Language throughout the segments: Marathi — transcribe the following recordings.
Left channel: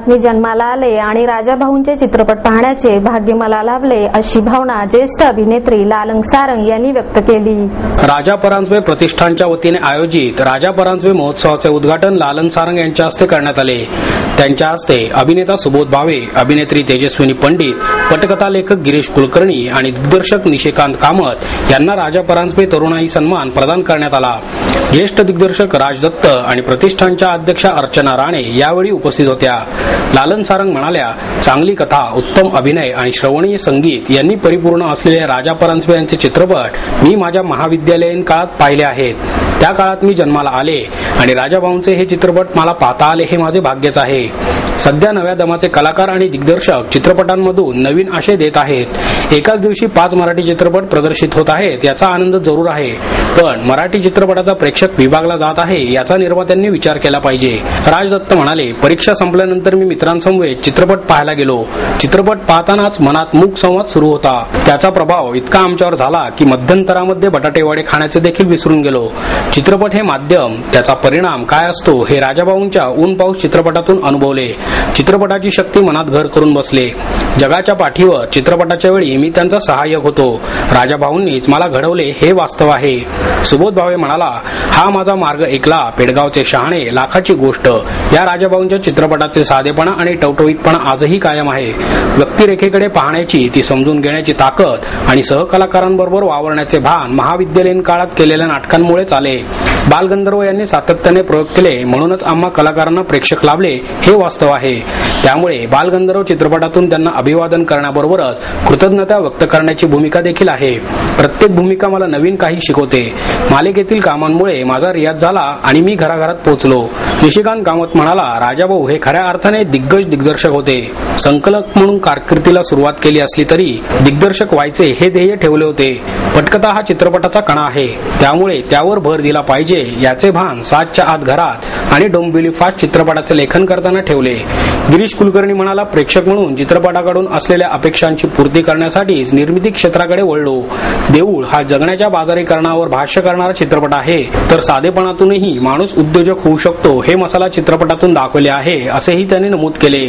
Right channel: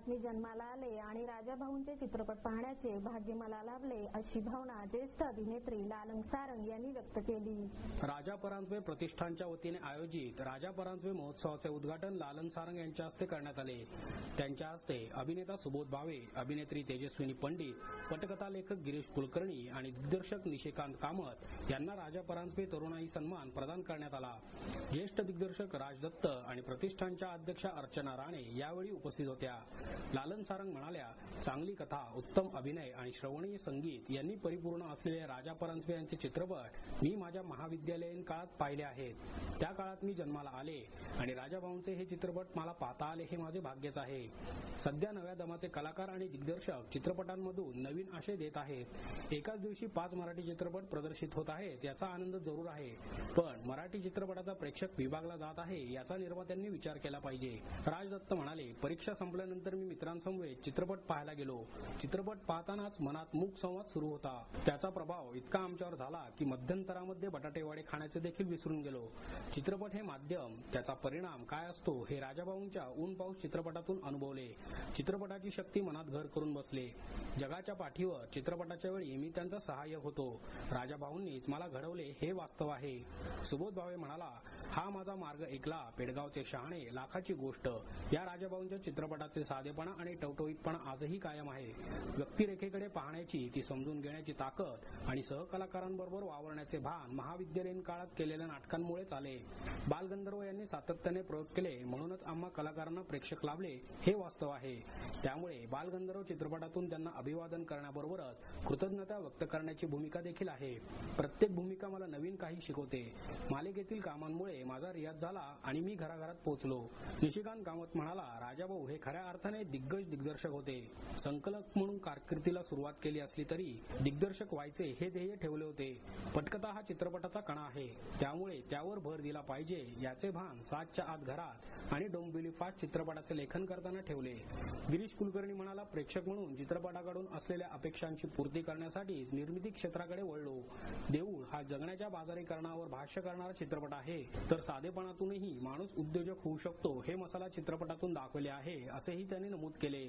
काळात मी जन्माला आले आणि राजाभाऊंचे चित्रपट पाहण्याचे भाग्य मला लाभले, अशी भावना ज्येष्ठ अभिनेत्री लालन सारंग यांनी व्यक्त केली. राजा परांजपे प्रतिष्ठानच्या वतीने आयोजित राजा परांजपे महोत्सवाचे उद्घाटन लालन सारंग यांच्या हस्ते करण्यात आले. त्यांच्या हस्ते अभिनेता सुबोध भावे, अभिनेत्री तेजस्विनी पंडित, पटकथा लेखक गिरीश कुलकर्णी आणि दिग्दर्शक निशिकांत कामत यांना राजा परांजपे तरुणाई सन्मान प्रदान करण्यात आला. ज्येष्ठ दिग्दर्शक राज दत्त आणि प्रतिष्ठानच्या अध्यक्षा अर्चना राणे यावेळी उपस्थित होत्या. लालन सारंग म्हणाल्या, चांगली कथा, उत्तम अभिनय आणि श्रवणीय संगीत यांनी परिपूर्ण असलेले राजा परांजपे यांचे चित्रपट मी माझ्या महाविद्यालयीन काळात पाहिले आहेत. त्या काळात मी जन्माला आले आणि राजाभाऊंचे हे चित्रपट मला पाहता आले हे माझे भाग्यच आहे. सध्या नव्या दमाचे कलाकार आणि दिग्दर्शक चित्रपटांमधून नवीन आशय देत आहेत. एकाच दिवशी 5 मराठी चित्रपट प्रदर्शित होत आहेत याचा आनंद जरूर आहे, पण मराठी चित्रपटाचा प्रेक्षक विभागला जात आहे याचा निर्मात्यांनी विचार केला पाहिजे. राज दत्त म्हणाले, परीक्षा संपल्यानंतर मी मित्रांसमवेत चित्रपट पाहायला गेलो. चित्रपट पाहतानाच मनात मूक संवाद सुरू होता. त्याचा प्रभाव इतका आमच्यावर झाला की मध्यंतरामध्ये बटाटेवडे खाण्याचे देखील विसरून गेलो. चित्रपट हे माध्यम, त्याचा परिणाम काय असतो हे राजाभाऊंच्या ऊन पाऊस चित्रपटातून अनुभवले. चित्रपटाची शक्ती मनात घर करून बसले. जगाच्या पाठीवर चित्रपटाच्या वेळी मी त्यांचा सहाय्यक होतो. राजाभाऊंनीच मला घडवले हे वास्तव आहे. सुबोध भावे म्हणाला, हा माझा मार्ग ऐकला, पेडगावचे शहाणे, लाखाची गोष्ट या राजाभाऊंच्या चित्रपटातील साधेपणा आणि टवटवीतपणा आजही कायम आहे. व्यक्तिरेखेकडे पाहण्याची, ती समजून घेण्याची ताकद आणि सहकलाकारांबरोबर वावरण्याचे भान महाविद्यालयीन काळात केलेल्या नाटकांमुळेच आले. बालगंधर्व यांनी सातत्याने प्रयोग केले, म्हणूनच आम्हा कलाकारांना प्रेक्षक लाभले हे वास्तव आहे. त्यामुळे बालगंधर्व चित्रपटातून त्यांना अभिवादन करण्याबरोबरच कृतज्ञता व्यक्त करण्याची भूमिका देखील आहे. प्रत्येक भूमिका मला नवीन काही शिकवते. मालिकेतील कामांमुळे माझा रियाज झाला आणि मी घराघरात पोहोचलो. निशिकांत कामत म्हणाला, राजाभाऊ हे खऱ्या अर्थाने दिग्गज दिग्दर्शक होते. संकलक म्हणून कारकिर्दीला सुरुवात केली असली तरी दिग्दर्शक व्हायचे हे ध्येय ठेवले होते. पटकथा हा चित्रपटाचा कणा आहे, त्यामुळे त्यावर भर दिला पाहिजे याचे भान 7च्या आत घरात आणि डोंबिवली फास्ट चित्रपटाचे लेखन करताना ठेवले. गिरीश कुलकर्णी म्हणाला, प्रेक्षक म्हणून चित्रपटाकडून असलेल्या अपेक्षांची पूर्ती करण्यासाठीच निर्मिती क्षेत्राकडे वळलो. देऊळ हा जगण्याच्या बाजारीकरणावर भाष्य करणारा चित्रपट आहे, तर साधेपणातूनही माणूस उद्योजक होऊ शकतो हे मसाला चित्रपटातून दाखवले आहे, असेही त्यांनी नमूद केले.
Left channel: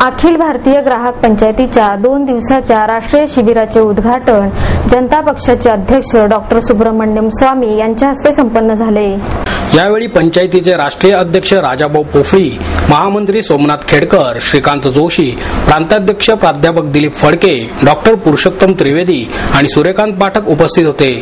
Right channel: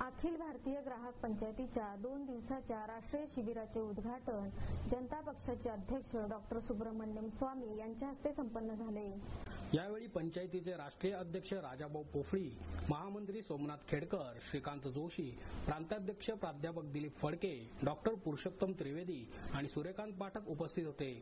अखिल भारतीय ग्राहक पंचायतीच्या 2 दिवसाच्या राष्ट्रीय शिबिराचे उद्घाटन जनता पक्षाचे अध्यक्ष डॉ. सुब्रमण्यम स्वामी यांच्या हस्ते संपन्न झाले. यावेळी पंचायतीचे राष्ट्रीय अध्यक्ष राजाभाऊ पोफळी, महामंत्री सोमनाथ खेडकर, श्रीकांत जोशी, प्रांताध्यक्ष प्राध्यापक दिलीप फडके, डॉ. पुरुषोत्तम त्रिवेदी आणि सूर्यकांत पाठक उपस्थित होते.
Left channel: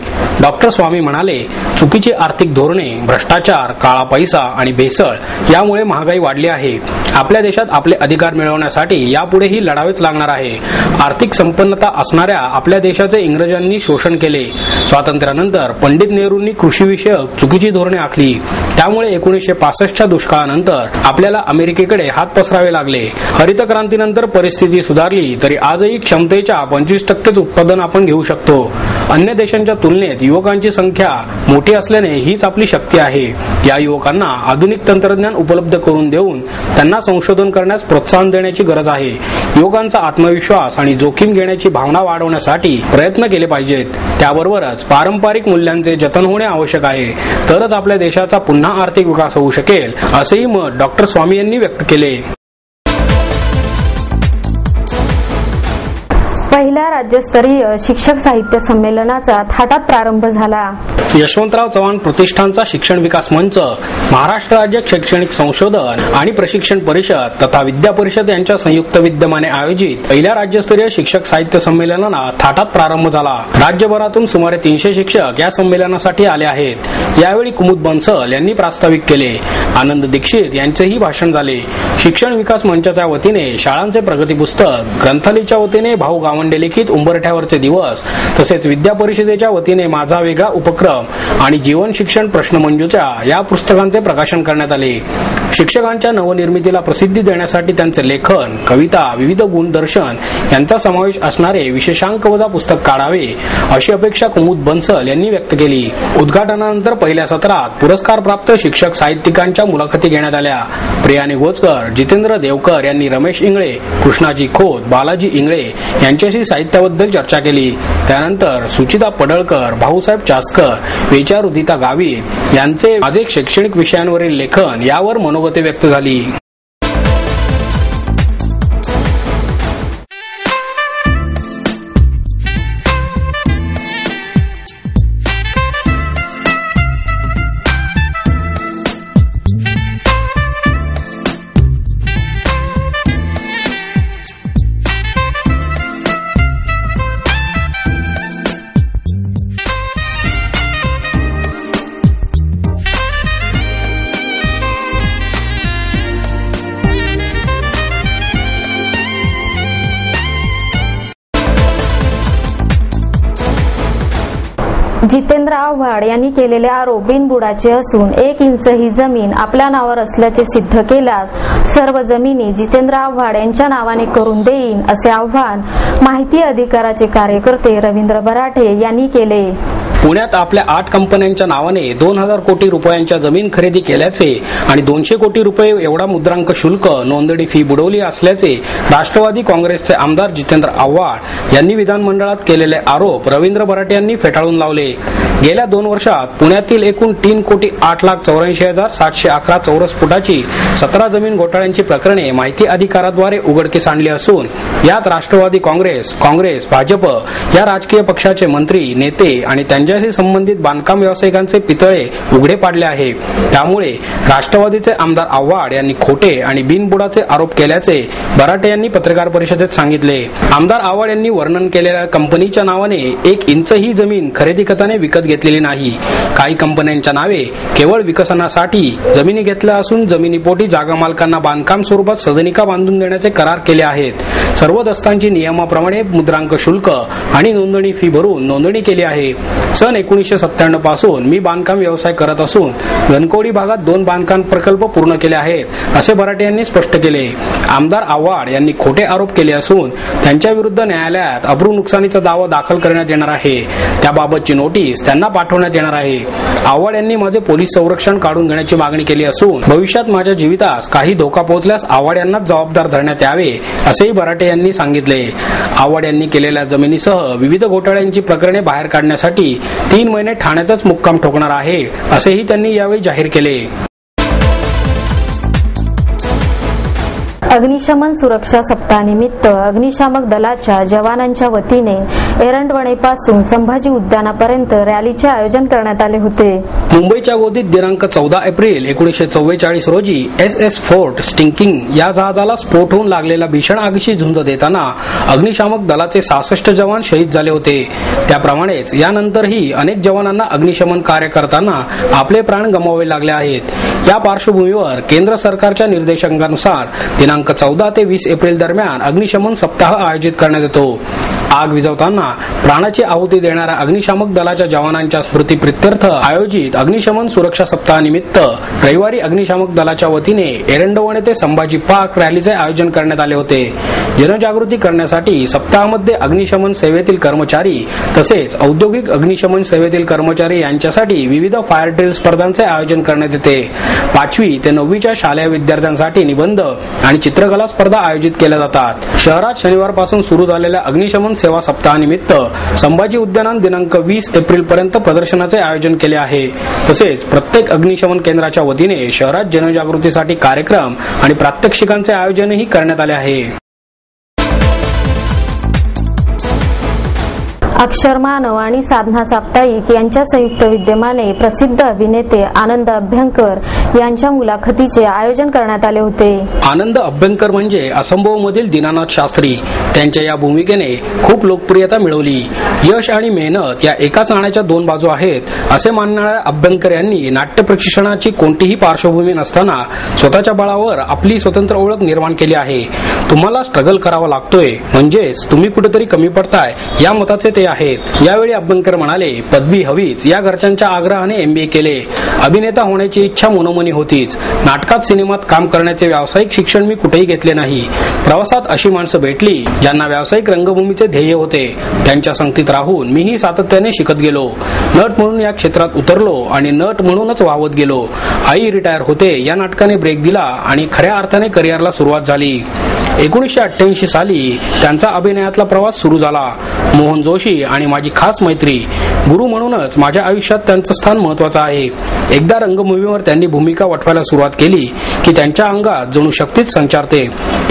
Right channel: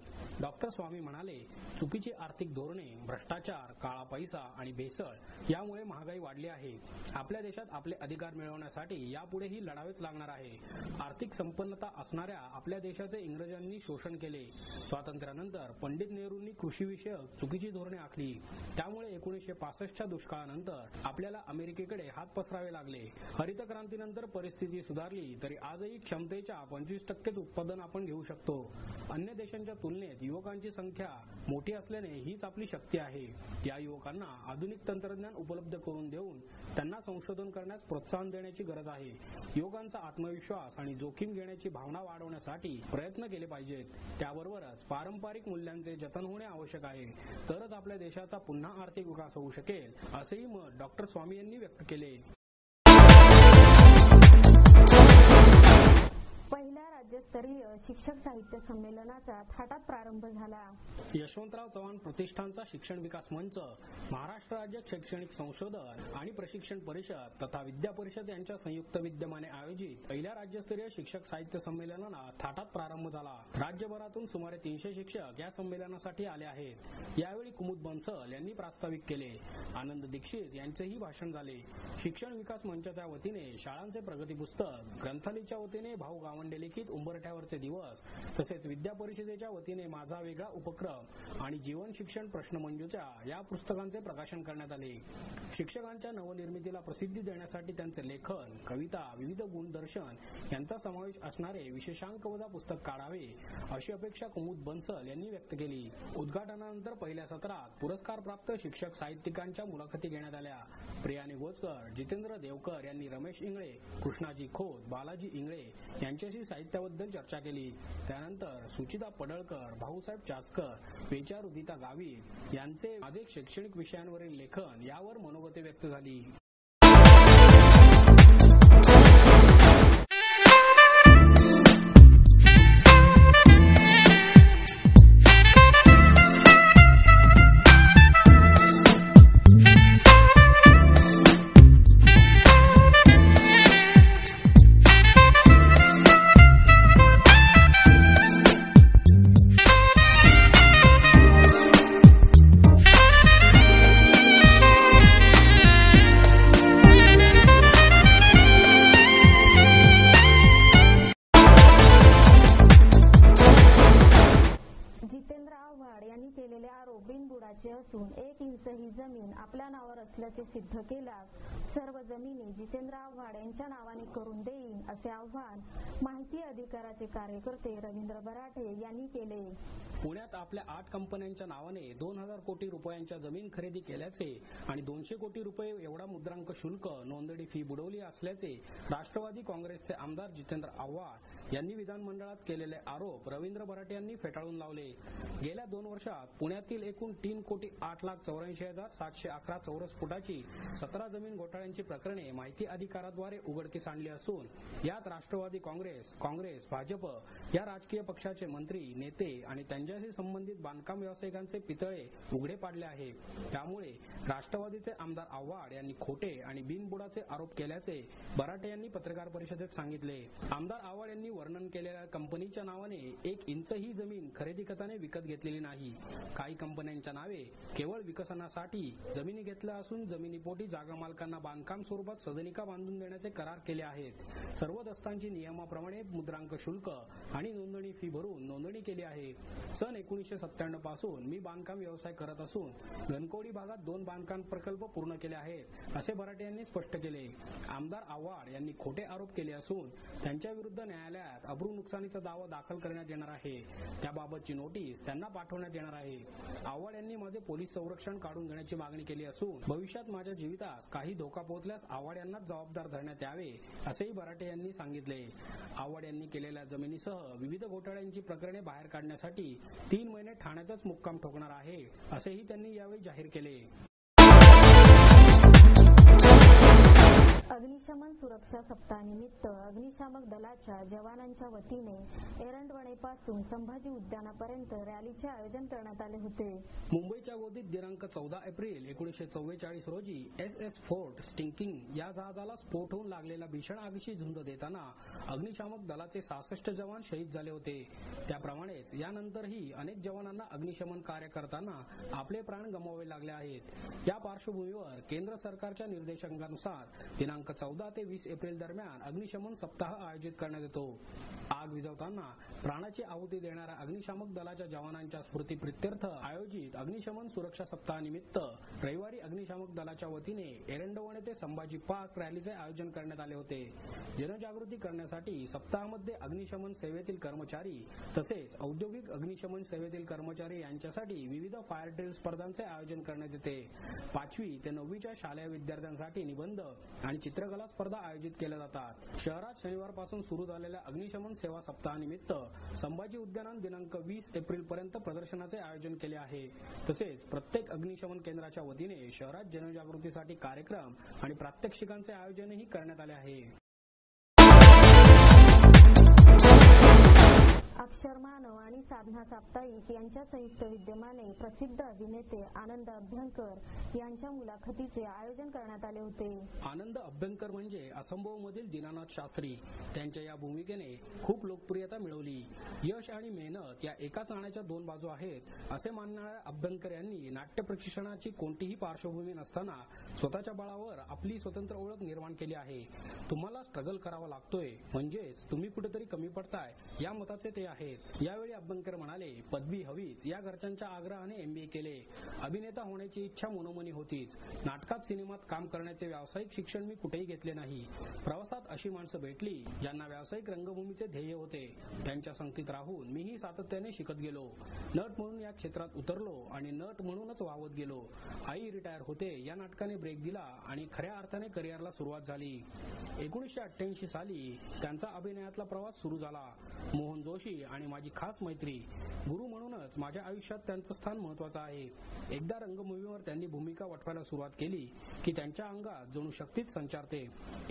डॉ. स्वामी म्हणाले, चुकीची आर्थिक धोरणे, भ्रष्टाचार, काळा पैसा आणि भेसळ यामुळे महागाई वाढली आहे. आपल्या देशात आपले अधिकार मिळवण्यासाठी यापुढेही लढावेच लागणार आहे. आर्थिक संपन्नता असणाऱ्या आपल्या देशाचे इंग्रजांनी शोषण केले. स्वातंत्र्यानंतर पंडित नेहरूंनी कृषीविषयक चुकीची धोरणे आखली. त्यामुळे 1965च्या दुष्काळानंतर आपल्याला अमेरिकेकडे हात पसरावे लागले. हरित क्रांतीनंतर परिस्थिती सुधारली तरी आजही क्षमतेच्या 25% उत्पादन आपण घेऊ शकतो. अन्य देशांच्या तुलनेत युवकांची संख्या मोठी असल्याने हीच आपली शक्ती आहे. या युवकांना आधुनिक तंत्रज्ञान उपलब्ध करून देऊन त्यांना संशोधन करण्यास प्रोत्साहन देण्याची गरज आहे. युवकांचा आत्मविश्वास आणि जोखीम घेण्याची भावना वाढवण्यासाठी प्रयत्न केले पाहिजेत. त्याबरोबरच पारंपरिक मूल्यांचे जतन होणे आवश्यक आहे, तरच आपल्या देशाचा पुन्हा आर्थिक विकास होऊ शकेल, असेही मत डॉ. स्वामी यांनी व्यक्त केले. पहिल्या राज्यस्तरीय शिक्षक साहित्य संमेलनाचा थाटात प्रारंभ झाला. यशवंतराव चव्हाण प्रतिष्ठानचा शिक्षण विकास मंच, महाराष्ट्र राज्य शैक्षणिक संशोधन आणि प्रशिक्षण परिषद तथा विद्या परिषद यांच्या संयुक्त विद्यमाने आयोजित पहिल्या राज्यस्तरीय शिक्षक साहित्य संमेलनाला थाटात प्रारंभ झाला. राज्यभरातून सुमारे 300 शिक्षक या संमेलनासाठी आले आहेत. यावेळी कुमुद बन्सल यांनी प्रास्ताविक केले. आनंद दीक्षित यांचेही भाषण झाले. शिक्षण विकास मंचाच्या वतीने शाळांचे प्रगती पुस्तक, ग्रंथालयाच्या वतीने भाऊ गावंडे लिखित उंबरठ्यावरचे दिवस, तसेच विद्या परिषदेच्या वतीने माझा वेगळा उपक्रम आणि जीवन शिक्षण प्रश्नमंजुषा या पुस्तकांचे प्रकाशन करण्यात आले. शिक्षकांच्या नवनिर्मितीला प्रसिद्धी देण्यासाठी त्यांचे लेखन, कविता, विविध गुणदर्शन यांचा समावेश असणारे विशेषांक वजा पुस्तक काढावे अशी अपेक्षा कुमुद बन्सल यांनी व्यक्त केली. उद्घाटनानंतर पहिल्या सत्रात पुरस्कार प्राप्त शिक्षक साहित्यिकांच्या मुलाखती घेण्यात आल्या. प्रिया निगोजकर, जितेंद्र देवकर यांनी रमेश इंगळे, कृष्णाजी खोत, बालाजी इंगळे यांच्याशी साहित्याबद्दल चर्चा केली. त्यानंतर सुचिता पडळकर, भाऊसाहेब चासकर, विचार उदिता गावित यांचे माझे शैक्षणिक विषयांवरील लेखन यावर मनोगते व्यक्त झाली. जितेंद्र आव्हाड यांनी केलेले आरोप बिनबुडाचे असून 1 इंच ही जमीन आपल्या नावावर असल्याचे सिद्ध केल्यास सर्व जमिनी जितेंद्र आव्हाड यांच्या नावाने करून देईन असे आव्हान माहिती अधिकाराचे कार्यकर्ते रवींद्र बराटे यांनी केले. पुण्यात आपल्या 8 कंपन्यांच्या नावाने 2000 कोटी रुपयांच्या जमीन खरेदी केल्याचे आणि 200 कोटी रुपये एवढा मुद्रांक शुल्क नोंदणी फी बुडवली असल्याचे राष्ट्रवादी काँग्रेसचे आमदार जितेंद्र आव्हाड यांनी विधानमंडळात केलेले आरोप रवींद्र बराटे यांनी फेटाळून लावले. गेल्या 2 वर्षात पुण्यातील एकूण 3,08,84,711 चौरस फुटाची 17 जमीन घोटाळ्यांची प्रकरणे माहिती अधिकाराद्वारे उघडकीस आणली असून यात राष्ट्रवादी काँग्रेस, भाजप या राजकीय पक्षाचे मंत्री, नेते आणि त्यांच्याशी संबंधित बांधकाम व्यावसायिकांचे पितळे उघडे पाडले आहे. त्यामुळे राष्ट्रवादीचे आमदार आव्हाड यांनी खोटे आणि बिनबुडाचे आरोप केल्याचे बराटे यांनी पत्रकार परिषदेत सांगितले. आमदार आव्हाड यांनी वर्णन केलेल्या कंपनीच्या नावाने 1 इंच ही जमीन खरेदी खताने विकत घेतलेली नाही. काही कंपन्यांच्या नावे केवळ विकसनासाठी जमिनी घेतल्या असून जमिनीपोटी जागा मालकांना बांधकाम स्वरूपात सदनिका बांधून देण्याचे करार केले आहेत. सर्व दस्तांची नियमाप्रमाणे मुद्रांक शुल्क आणि नोंदणी फी भरून नोंदणी केली आहे. सन 1997 पासून मी बांधकाम व्यवसाय करत असून घनकवडी भागात 2 बांधकाम प्रकल्प पूर्ण केले आहेत असे बराटे यांनी स्पष्ट केले. आमदार आव्हाड यांनी खोटे आरोप केले असून त्यांच्या विरुद्ध न्यायालयात अब्रू नुकसानीचा दावा दाखल करण्यात येणार आहे. त्याबाबतची नोटीस त्यांना पाठवण्यात येणार आहे. आव्हाड यांनी माझे पोलीस संरक्षण काढून घेण्याची मागणी केली असून भविष्यात माझ्या जीवितास काही धोका पोहोचल्यास आव्हाड यांनाच जबाबदार धरण्यात यावे असेही बराटे यांनी सांगितले. आव्हाड यांनी केलेल्या जमिनीसह विविध घोटाळ्यांची प्रकरणे बाहेर काढण्यासाठी 3 महिने ठाण्यातच मुक्काम ठोकणार आहे असेही त्यांनी यावेळी जाहीर केले. अग्निशमन सुरक्षा सप्ताहानिमित्त अग्निशामक दलाच्या जवानांच्या वतीने एरंडवणेपासून संभाजी उद्यानापर्यंत रॅलीचे आयोजन करण्यात आले होते. मुंबईच्या गोदीत दिनांक 14 एप्रिल 1944 रोजी SS फोर्ट स्टिंकिंग या जहाजाला स्फोट होऊन लागलेल्या भीषण आगीशी झुंज देताना अग्निशामक दलाचे 66 जवान शहीद झाले होते. त्याप्रमाणेच यानंतरही अनेक जवानांना अग्निशमन कार्य करताना आपले प्राण गमवावे लागले आहेत. या पार्श्वभूमीवर केंद्र सरकारच्या निर्देशांकानुसार दिनांक 14 ते 20 एप्रिल दरम्यान अग्निशमन सप्ताह आयोजित करण्यात येतो. आग विझवताना प्राणाची आहुती देणाऱ्या अग्निशामक दलाच्या जवानांच्या स्मृतीप्रित्यर्थ आयोजित अग्निशमन सुरक्षा सप्ताहानिमित्त रविवारी अग्निशामक दलाच्या वतीने एरंडवणे ते संभाजी पार्क रॅलीचे आयोजन करण्यात आले होते. जनजागृती करण्यासाठी सप्ताहामध्ये अग्निशमन सेवेतील कर्मचारी तसेच औद्योगिक अग्निशमन सेवेतील कर्मचारी यांच्यासाठी विविध फायर ड्रिल स्पर्धांचे आयोजन करण्यात येते. 5वी ते 9वीच्या शालेय विद्यार्थ्यांसाठी निबंध आणि चित्रकला स्पर्धा आयोजित केल्या जातात. शहरात शनिवारपासून सुरू झालेल्या अग्निशमन सेवा सप्ताहानिमित्त संभाजी उद्यानात दिनांक 20 एप्रिल पर्यंत प्रदर्शनाचे आयोजन केले आहे. तसेच प्रत्येक अग्निशमन केंद्राच्या वतीने शहरात जनजागृतीसाठी कार्यक्रम आणि प्रात्यक्षिकांचे आयोजनही करण्यात आले आहे. अक्षरमानव आणि साधना साप्ताहिक यांच्या संयुक्त विद्यमाने प्रसिद्ध अभिनेते आनंद अभ्यंकर यांच्या मुलाखतीचे आयोजन करण्यात आले होते. आनंद अभ्यंकर म्हणजे असंभव मधील दीनानाथ शास्त्री. त्यांच्या या भूमिकेने खूप लोकप्रियता मिळवली. यश आणि मेहनत या एकाच नाण्याच्या 2 बाजू आहेत असे मानणाऱ्या अभ्यंकर यांनी नाट्य प्रशिक्षणाची कोणतीही पार्श्वभूमी नसताना स्वतःच्या बळावर आपली स्वतंत्र ओळख निर्माण केली आहे. तुम्हाला स्ट्रगल करावा लागतोय म्हणजेच तुम्ही कुठेतरी कमी पडताय या मताचे ते आहेत। यावेळी अभ्यंकर म्हणाले, पदवी हवीच या घरच्यांच्या आग्रहाने MBA केले। अभिनेता होण्याची इच्छा मनोमनी होतीच। नाटकात सिनेमात काम करण्याचे व्यावसायिक शिक्षण मी कुठेही घेतले नाही। प्रवासात अशी माणसं भेटली ज्यांना व्यावसायिक रंगभूमीचे ध्येय होते। त्यांच्या संगतीत राहून मीही सातत्याने शिकत गेलो। नट म्हणून या क्षेत्रात उतरलो आणि नट म्हणूनच वावत गेलो। आई रिटायर होते या नाटकाने ब्रेक दिला आणि खऱ्या अर्थाने करिअरला सुरुवात झाली। 1988 साली त्यांचा अभिनयातला प्रवास सुरू झाला। मोहन जोशी आणि माझी खास मैत्री, गुरु म्हणूनच माझ्या आयुष्यात त्यांचं स्थान महत्वाचं आहे। एकदा रंगभूमीवर त्यांनी भूमिका वठवायला सुरुवात केली की त्यांच्या अंगात जणू शक्तीच संचारते।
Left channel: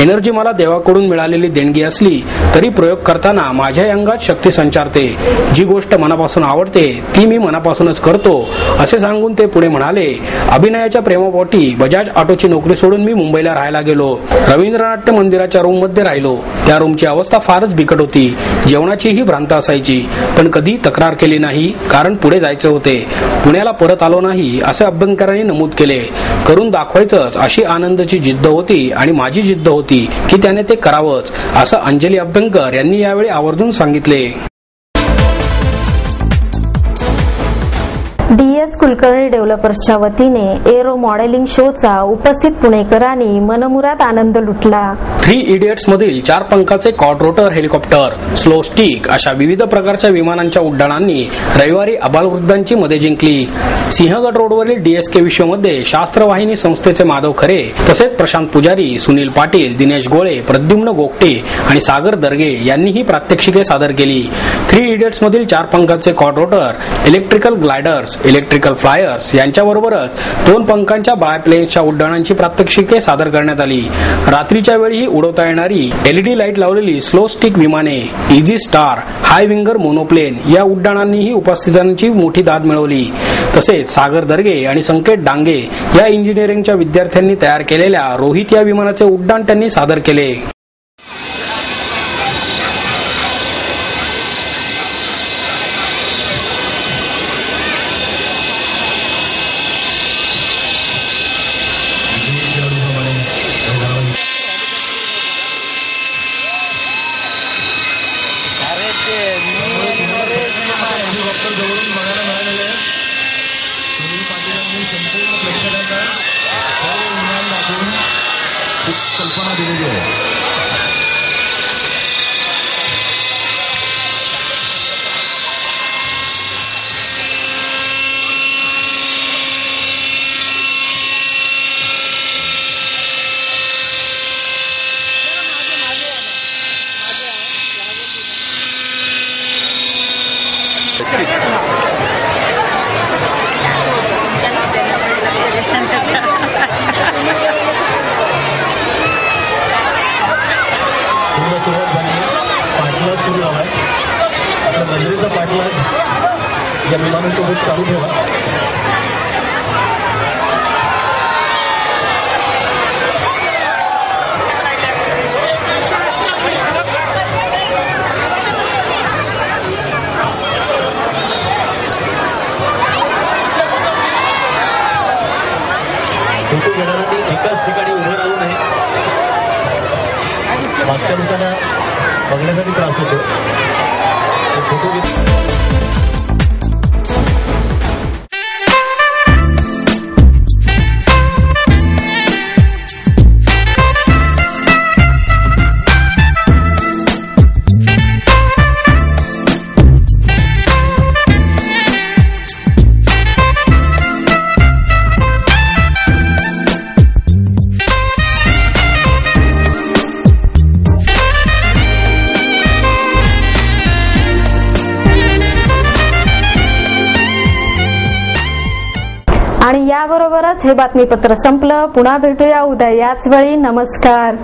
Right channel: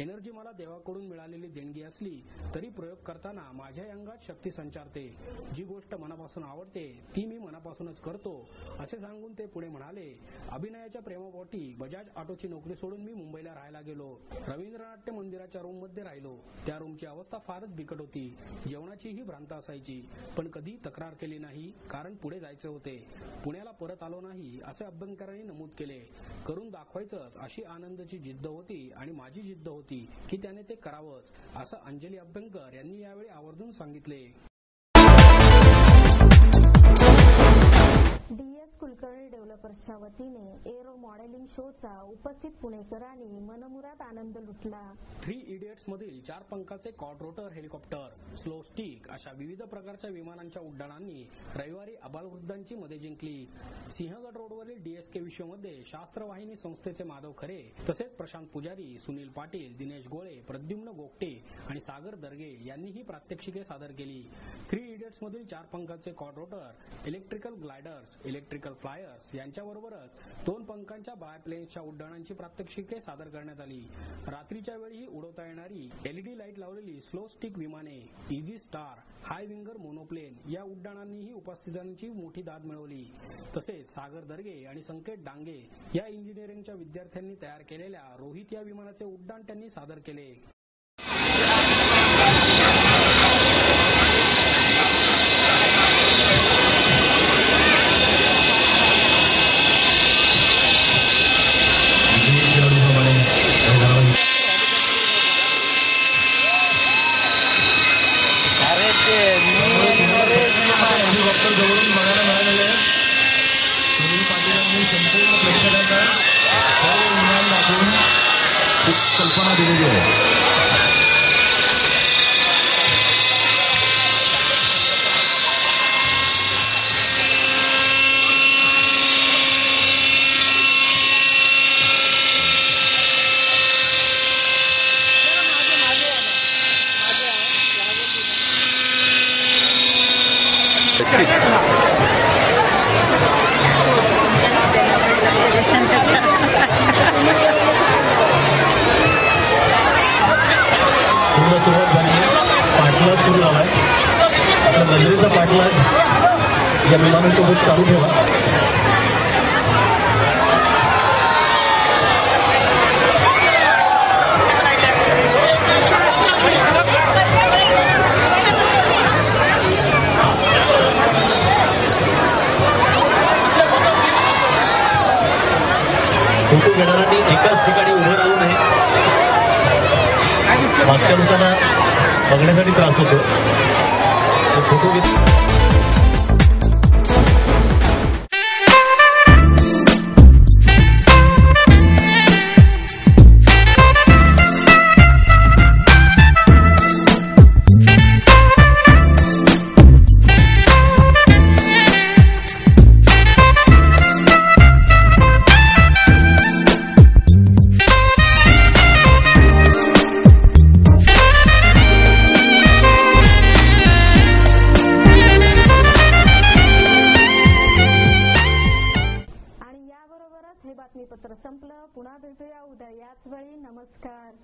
एनर्जी मला देवाकडून मिळालेली देणगी असली तरी प्रयोग करताना माझ्या अंगात शक्ती संचारते। जी गोष्ट मनापासून आवडते ती मी मनापासूनच करतो, असे सांगून ते पुढे म्हणाले, अभिनयाच्या प्रेमापोटी बजाज ऑटोची नोकरी सोडून मी मुंबईला राहायला गेलो। रवींद्रनाट्य मंदिराच्या रूम मध्ये राहिलो। त्या रूमची अवस्था फारच बिकट होती। जेवणाचीही भ्रांत असायची, पण कधी तक्रार केली नाही, कारण पुढे जायचे होते। पुण्याला परत आलो नाही असे अभ्यंकरांनी नमूद केले। करून दाखवायचंच अशी आनंदाची जिद्द होती आणि माझी जिद्द होती की त्याने ते करावंच, असं अंजली अभ्यंकर यांनी यावेळी आवर्जून सांगितले। DS कुलकर्णी डेव्हलपर्सच्या वतीने एरो मॉडेलिंग शोचा उपस्थित पुणेकरांनी मनमुराद आनंद लुटला। 3 इडियट्स मधील 4 पंखाचे क्वाड्रोटर हेलिकॉप्टर, स्लो स्टिक अशा विविध प्रकारच्या विमानांच्या उड्डाणांनी रविवारी आबालवृद्धांची मते जिंकली। सिंहगड रोडवरील DSK विश्वमध्ये शास्त्रवाहिनी संस्थेचे माधव खरे तसेच प्रशांत पुजारी, सुनील पाटील, दिनेश गोळे, प्रद्युम्न गोगटे आणि सागर दर्गे यांनी ही प्रात्यक्षिके सादर केली। 3 इडियट्स मधील 4 पंखाचे क्वाड्रोटर, इलेक्ट्रिकल ग्लायडर्स, इलेक्ट्रिकल फ्लायर्स यांच्याबरोबरच 2 पंखांच्या बायप्लेन्सच्या उड्डाणांची प्रात्यक्षिके सादर करण्यात आली। रात्रीच्या वेळी उडवता येणारी LED लाईट लावलेली स्लो स्टिक विमाने, इझी स्टार, हाय विंगर मोनोप्लेन या उड्डाणांनीही उपस्थितांची मोठी दाद मिळवली। तसेच सागर दर्गे आणि संकेत डांगे या इंजिनिअरिंगच्या विद्यार्थ्यांनी तयार केलेल्या रोहित या विमानाचे उड्डाण त्यांनी सादर केले। कल्पना दिलेली आहे। सुरुवात झाली, पाठलाग सुरू झालाय। आपल्या मंदिराचा पाठलाग या विमानासोबत चालू ठेवा। फोटो घेणाऱ्यांनी एकाच ठिकाणी उभं राहू नये, मागच्या लोकांना बघण्यासाठी त्रास होतो। फोटो आणि याबरोबरच हे बातमीपत्र संपलं। पुन्हा भेटूया उद्या याच वेळी। नमस्कार।